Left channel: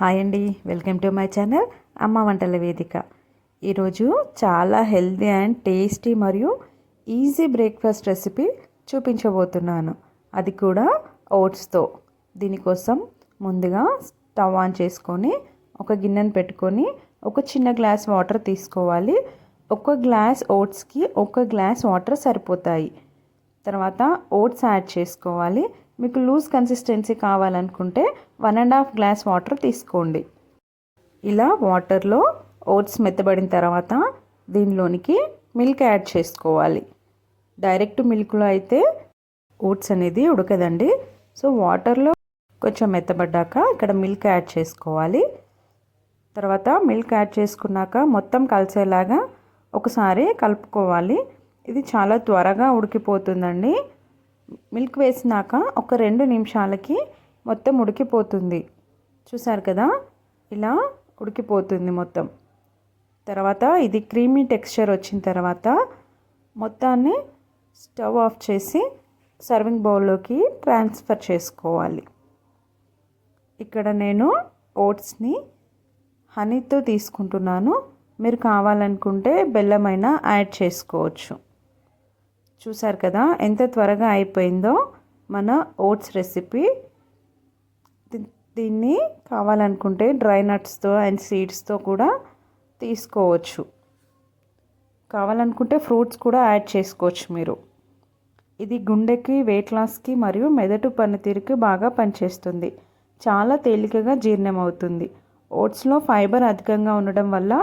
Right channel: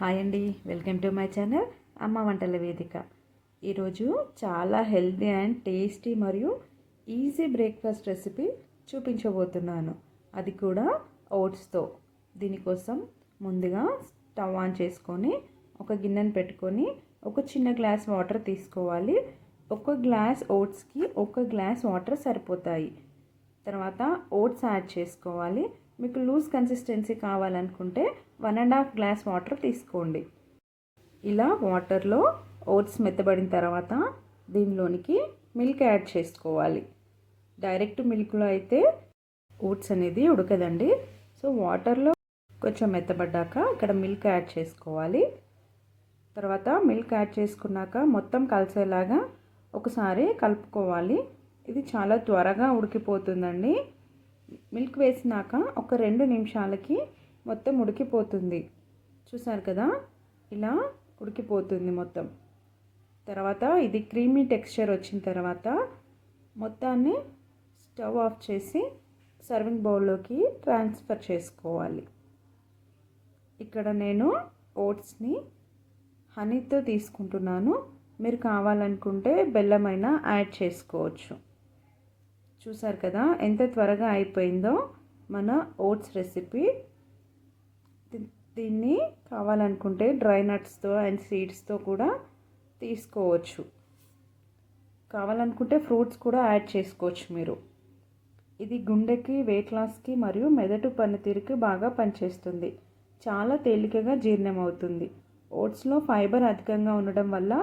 Hi అండి, welcome to my channel అమ్మ వంటల వేదిక. ఈరోజు చాలా హెల్తీ అండ్ టేస్టీ మరియు ఈజీ బ్రేక్ఫాస్ట్ రెసిపీ చూపించబోతున్నాను, అది కూడా ఓట్స్తో. దీనికోసం ముందుగా స్టవ్ ఆన్ చేసుకొని ఒక గిన్నెను పెట్టుకొని ఒక చిన్న గ్లాస్ వాటర్ తీసుకోవాలి. ఒక గ్లాస్ ఓట్స్కి ఒక గ్లాస్ వాటర్ సరిపోతాయి. తర్వాత ఓట్స్ యాడ్ చేసుకోవాలి. మీకు లూజ్ కన్సిస్టెన్సీ కావాలనుకుంటే 1.5 గ్లాస్ వాటర్ తీసుకోండి. ఇలా వాటర్లో ఓట్స్ మెత్తబడిన తర్వాత దీనిలోనికి మిల్క్ యాడ్ చేసుకోవాలి. డైరెక్ట్ మిల్క్లో అయితే ఓట్స్ అనేది ఉడకదండి. సో వాటర్లో కొంచెం మెత్తబడ్డాక ఇక్కడ మిల్క్ యాడ్ చేసుకోవాలి. తర్వాత మిల్క్ యాడ్ చేసుకున్నాక మొత్తం కలిసేలాగా ఒకసారి కలుపుకోవాలి. ఇది చాలా త్వరగా ఉడికిపోతుందండి. మిల్క్ వేసినాక ఒక 2 నిమిషాలకి మొత్తం ఉడికిపోతుంది. చూసారు కదా, ఇలా ఉడికిపోతుంది మొత్తం. తర్వాత ఇది క్రీమీ టెక్స్చర్ వచ్చిన తర్వాత మొత్తాన్ని స్టవ్ ఆఫ్ చేసి సర్వింగ్ బౌల్లోకి ట్రాన్స్ఫర్ చేసుకోవాలి. ఇక్కడ నేను ఓట్స్ని హనీతో తీసుకుంటున్నాను. మీరు కావాలనుకుంటే బెల్లమైనా యాడ్ చేసుకోవచ్చు. చూసారు కదా ఎంత త్వరగా అయిపోయిందో మన ఓట్స్ రెసిపీ. దీన్ని కావాలనుకుంటే డ్రై నట్స్తో అండ్ సీడ్స్తో కూడా తీసుకోవచ్చు. కావాలనుకుంటే ఫ్రూట్స్ కూడా యాడ్ చేసుకోవచ్చు మీరు. ఇది గుండెకి, వెయిట్ లాస్కి మరియు మెదడు పనితీరుకి బాగా పనిచేస్తుంది. చాలా తేలికగా జీర్ణం అవుతుంది. ఓట్స్లో ఫైబర్ అధికంగా ఉండడం వల్ల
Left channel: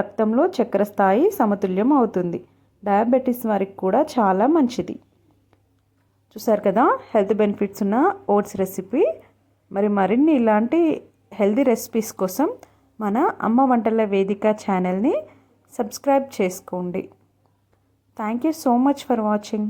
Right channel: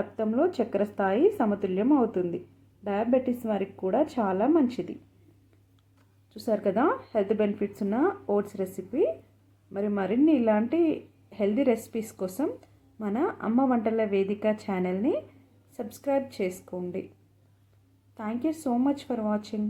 రక్తంలో చక్కెర స్థాయి సమతుల్యం అవుతుంది. డయాబెటీస్ వారికి కూడా చాలా మంచిది. చూసారు కదా హెల్త్ బెనిఫిట్స్ ఉన్న ఓట్స్ రెసిపీ. మరిన్ని ఇలాంటి హెల్తీ రెసిపీస్ కోసం మన అమ్మ వంటల వేదిక ఛానల్ని సబ్స్క్రైబ్ చేసుకోండి. Thank you so much for watching.